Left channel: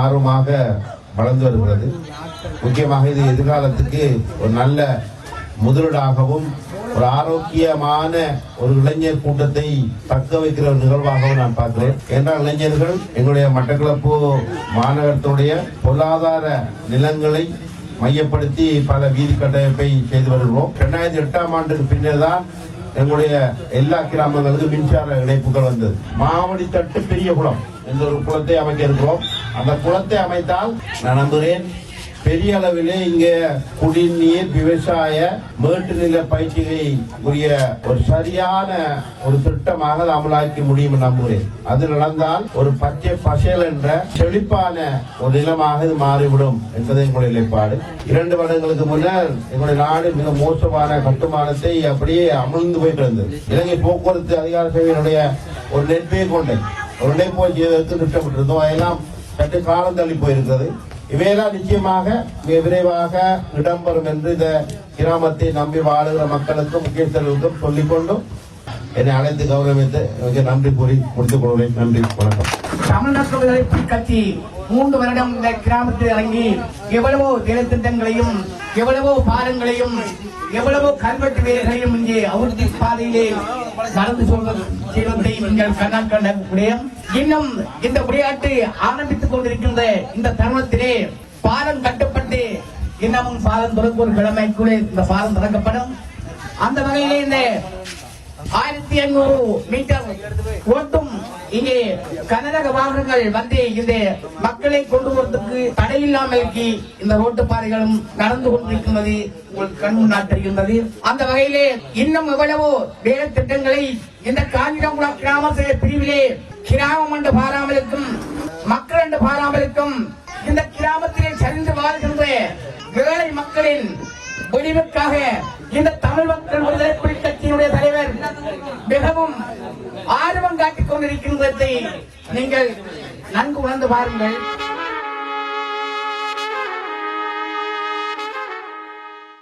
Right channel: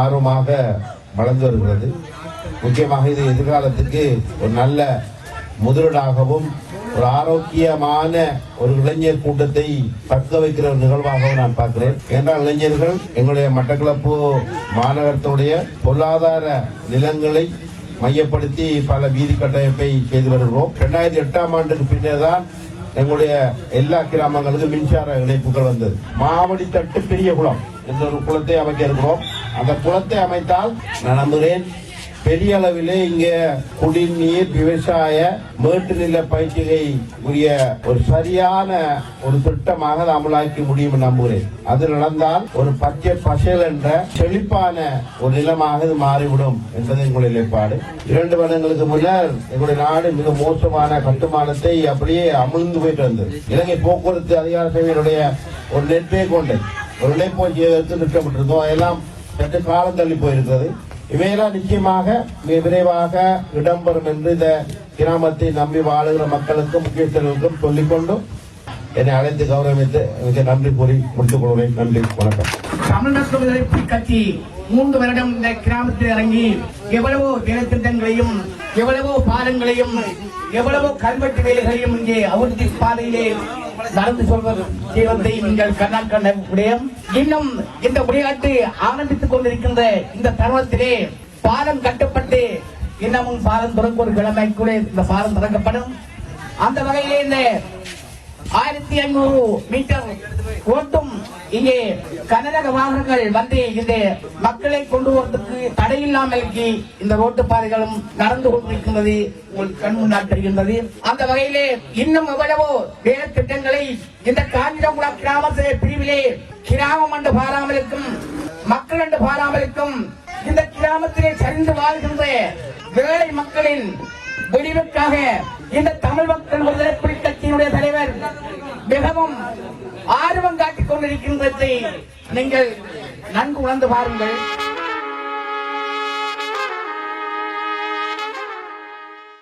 ஆர்வமாக வளர்ந்து வருகிறது. முக்கியமாக இது எதிர்காலத்துக்கு ஒரு நல்ல முதலீடாகவும் ஒரு ஆரோக்கியமான ஒரு இளைஞர் கூட்டத்தை தக்க வைக்கிற ஒரு நிகழ்வாகவும் நான் பார்க்கிறேன். என்றால் இளைஞர்கள் எங்களுடைய மட்டக்களப்பு மாநகரத்தினுடைய பொருளாதார நிலங்களை மையப்படுத்தி பல வீதி கட்டமைப்பை செய்து வருகிறோம். இரண்டாயிரத்தி எட்டாம் ஆண்டுக்கு பின்னர் தான் எங்களுடைய எல்லா கிராமங்களுக்கும் மின்சார இணைப்புகள் வந்தது மாவடி தட்டு பெரிய குளம். என்ற ஒரு குளத்தை அமைக்க இருக்கிறோம்? அந்த குளத்தை அமைத்தால் நான் நம்புகிறேன் பெரிய அளவிலே இங்க குடிநீர் விவசாய மேட்டு நில உரிய ஒரு சரியான ஒரு திட்டமாக அமலாக்க முடியும் நம்புகிறேன். அது நடந்தால் ஒரு பச்சை பசல் என்ற செழிப்பான ஒரு நிலமாக இது மாறிவிடும் என்பது எங்களுடைய நிலைப்பாடு. இரண்டு வருடங்களுக்கு முன்னர் எங்களுடைய நாடு மிக மோசமான கட்டுமானத்தை அப்படியே அமிழ்ந்து போயிட்டு இருந்தது இலங்கை போக்குவரத்து அதிகார சபையினுடைய ஒரு நெட்வே கொண்டு ஒரு இணைப்போய் திட்டமிட்டிருந்தோம். அதெல்லாம் சற்று காலம் தள்ளி போயிருந்தது. இவையெல்லாம் நிச்சயமாக மிக விரைவாக இடம்பெறும் என்று இந்த கிராமத்தை நம்பி வாழுகிற மக்களுக்கும் முக்கியஸ்தர்களுக்கும் சொல்லிக்கொண்டும் என்னை அழைத்து கௌரவித்து மிக நன்றி கூறி முடித்து கொள்வேன் நன்றி வணக்கம். தமிழ்நாட்டு எதிர்ப்பு கட்சி மூன்று வருடம் இந்த கிராமத்தில் இறங்கி எவ்வளவோ திட்டங்களையும் எவ்வளவோ பாலங்களையும் எவ்வளவோ கல்வெட்டு வேலைகளையும் இங்கே அபிவிருத்தி பாதையிலே நடந்து சொல்வது செய்வதை நீங்கள் கண்ணா கண்ட முடியும். இன்னும் இந்த விளையாட்டு ஆரம்பித்துக் கொண்டிருக்கின்ற இந்த தருணத்திலே பாலம் கட்டப்பட்டு இன்னமும் பாலம் தொடங்கும் கிழமை கூட இந்த பாலம் தொடங்கப்படும். அந்த வகையிலே இந்த ஆயிரத்தி எண்ணூறு மீட்டர் ஓட்டு இங்கே கனரக வாகனங்கள் வந்து இந்த மக்களை கொண்டு வரதுக்கு தடையில்லாமல் இந்த ரோட்டு பாதைகளும் நடந்து கொண்டிருக்கின்றது உங்கள் கண் முன்னால் தெரிகின்றது அந்த வகையிலே இன்னும் எவ்வளவோ வேலை திட்டங்களை இந்த காஞ்சிபுரம் கிராம சேவை பிரிவிலே கிராமம் என்று பாராமலுக்கும் மக்கள் என்று பாராமலுக்கும் இந்த கிராமத்திலே சரிந்து வாழ்கின்ற ஏழை மக்களின் விடிவுக்காக இந்த தமிழ் மக்கள் நீங்கள் நன்கு உணர்ந்து பாருங்கள்.